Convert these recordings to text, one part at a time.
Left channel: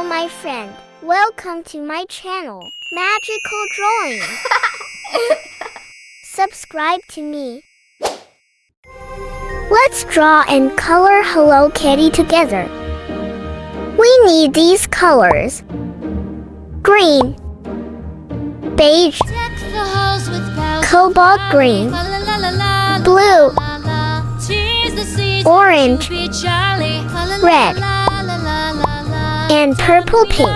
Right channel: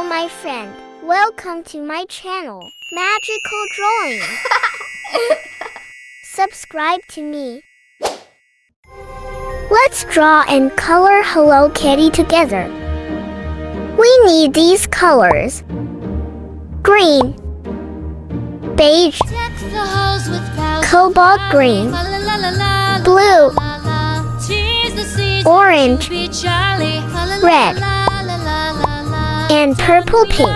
Hello, my friend. Welcome to my channel, Magical Drawing. Subscribe to me. Let's draw and color Hello Kitty together. We need these colors: green, beige, cobalt green, blue, orange, red, and purple pink.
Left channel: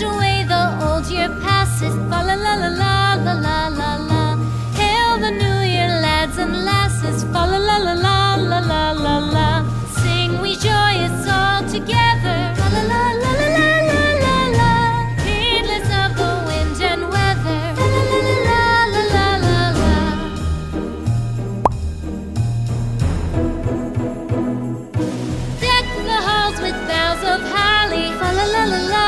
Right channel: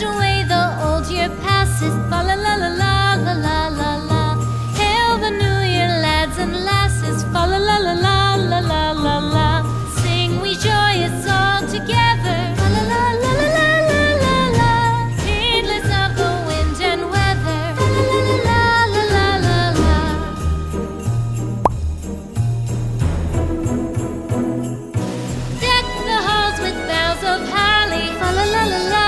Away the old year passes, fa la la la la la la la la. Hail the new year, lads and lasses, fa la la la la la la la la. Sing we joyous all together, fa la la la la la la la la. Heedless of the wind and weather, fa la la la la la la la la. Deck the halls with boughs of holly, fa la la la la.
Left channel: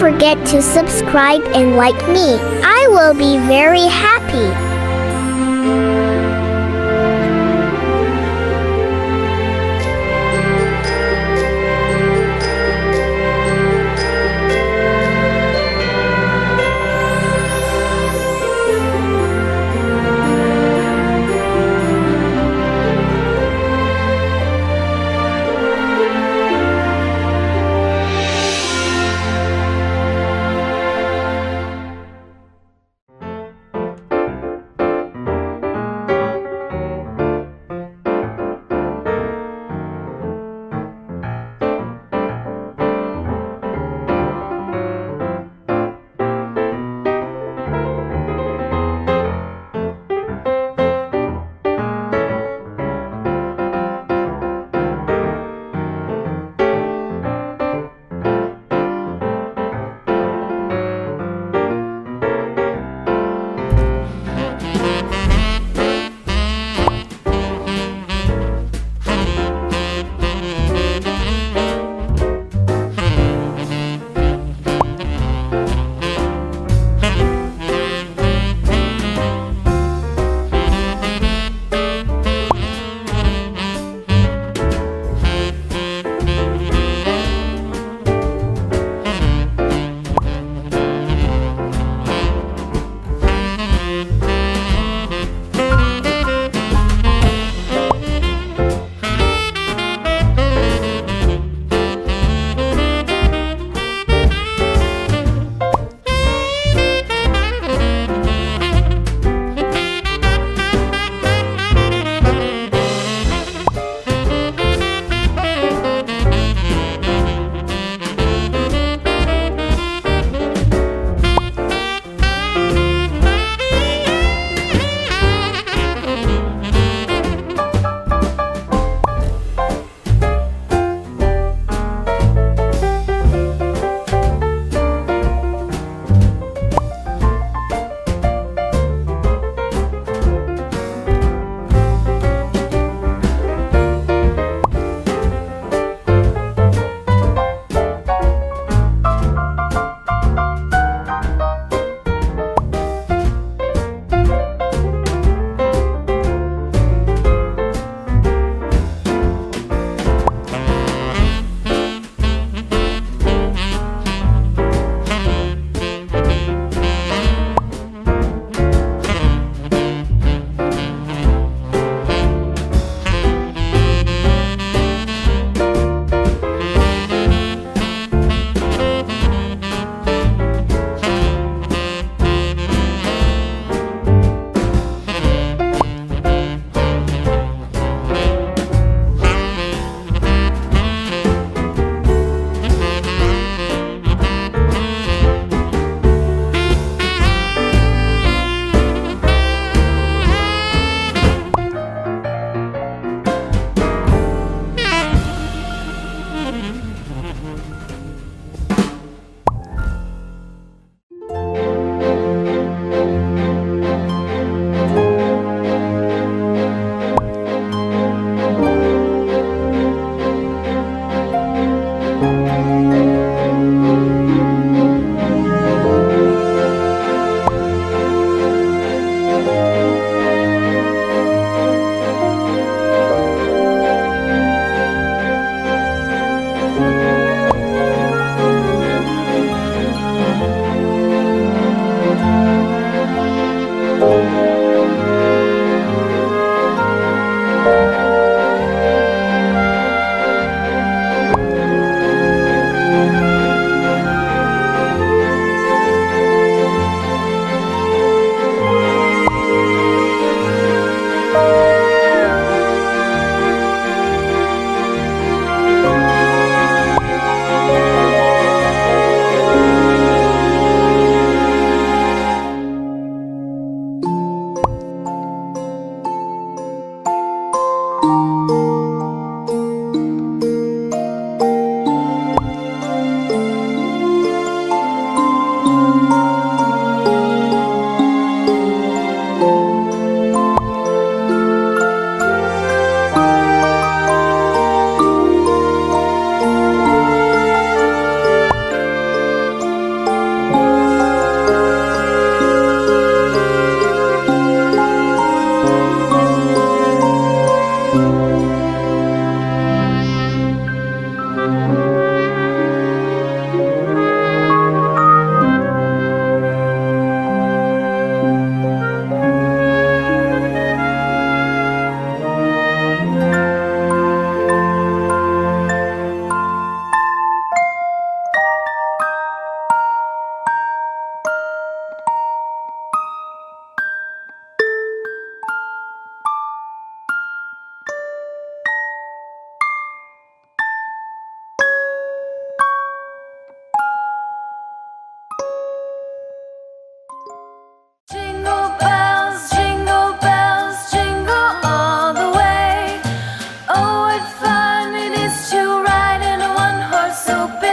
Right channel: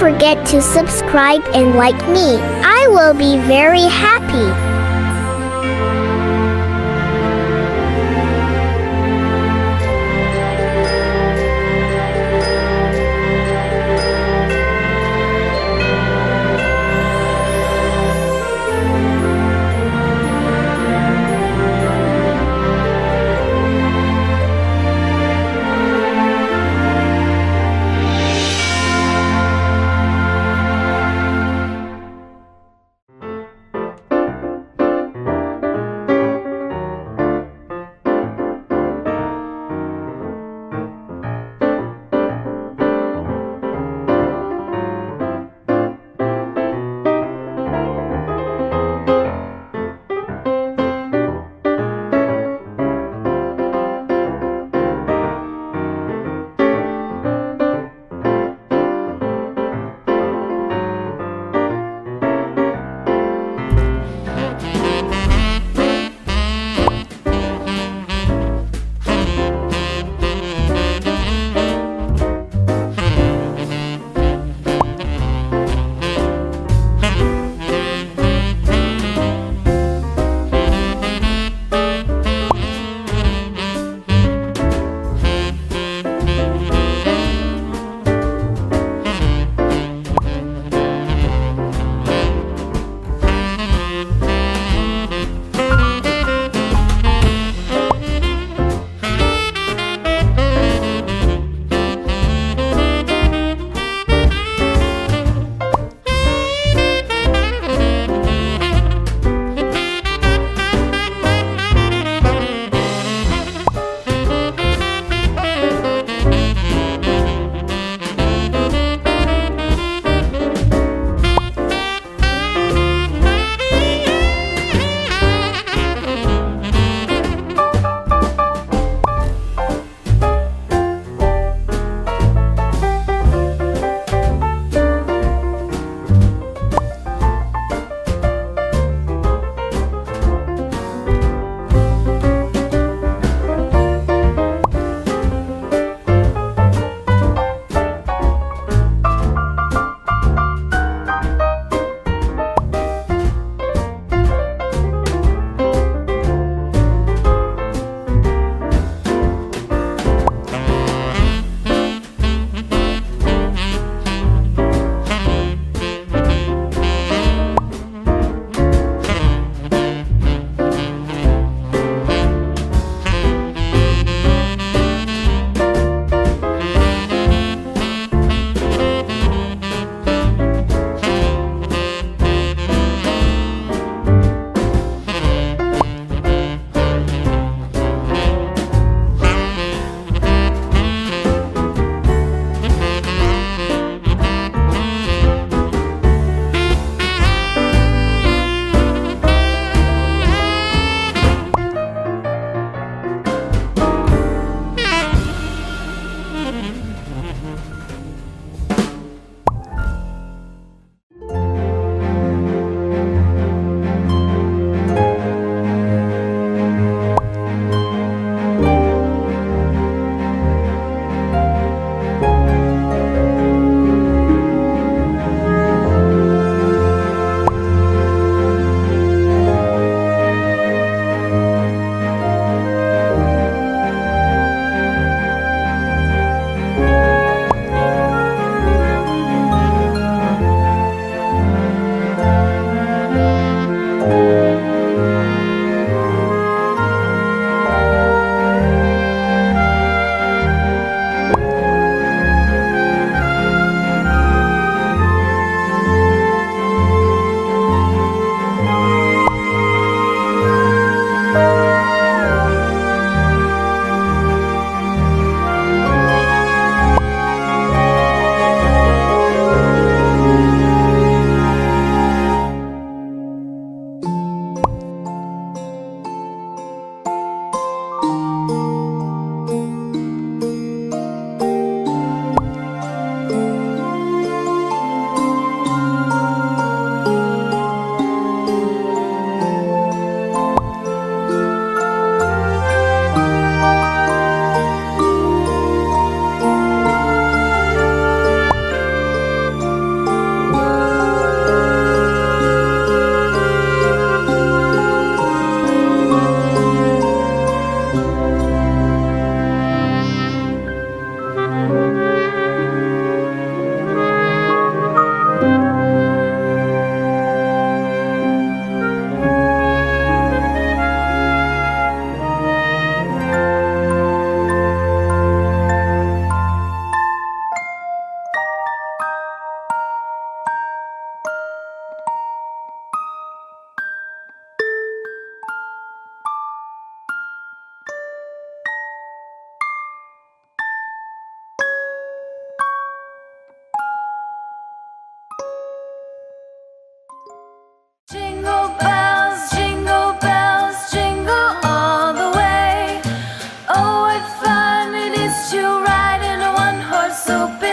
forget to subscribe and like me. I will be very happy.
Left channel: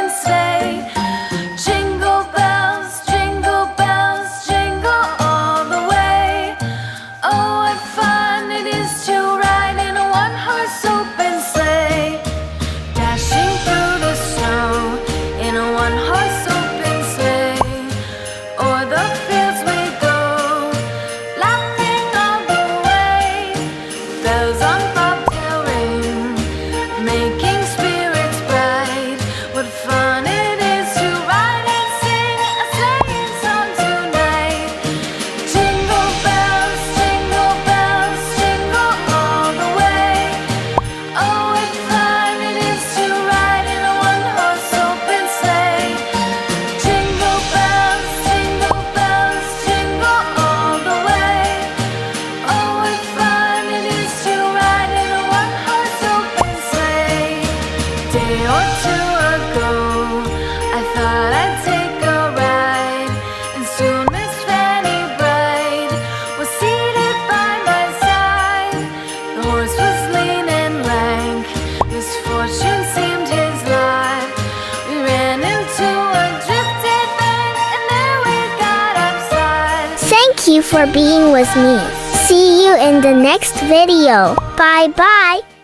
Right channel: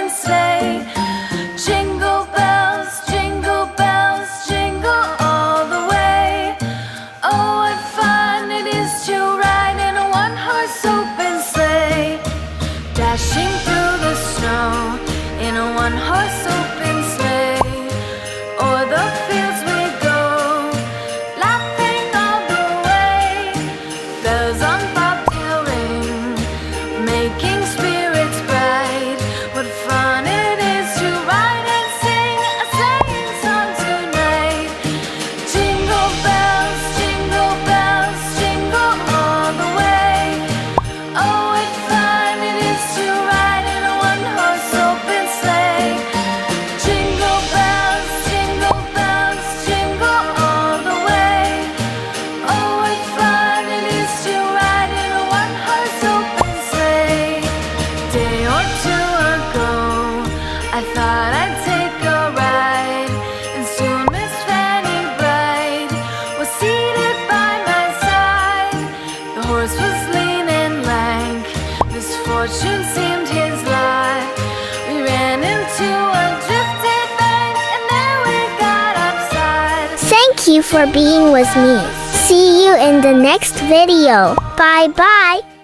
open sleigh. Jingle bells, jingle all the way. Oh, what fun it is to ride in a one-horse open sleigh. Dashing through the snow in a one-horse open sleigh. O'er the fields we go, laughing all the way. Bells on bobtail ring, making spirits bright. What fun it is to ride and sing a sleighing song tonight. Jingle bells, jingle all the way. Oh, what fun it is to ride in a one-horse open sleigh. Jingle bells, jingle all the way. Oh, what fun it is to ride in a one-horse open sleigh. Day or two ago, I thought I'd take a ride, and soon Miss Fanny Bright was seated by my side. The horse was lean and lank, misfortune seemed his lot. We ran into a drifted bank, and there we got upside. Thank you for being with me. See you in the next video. Bye bye.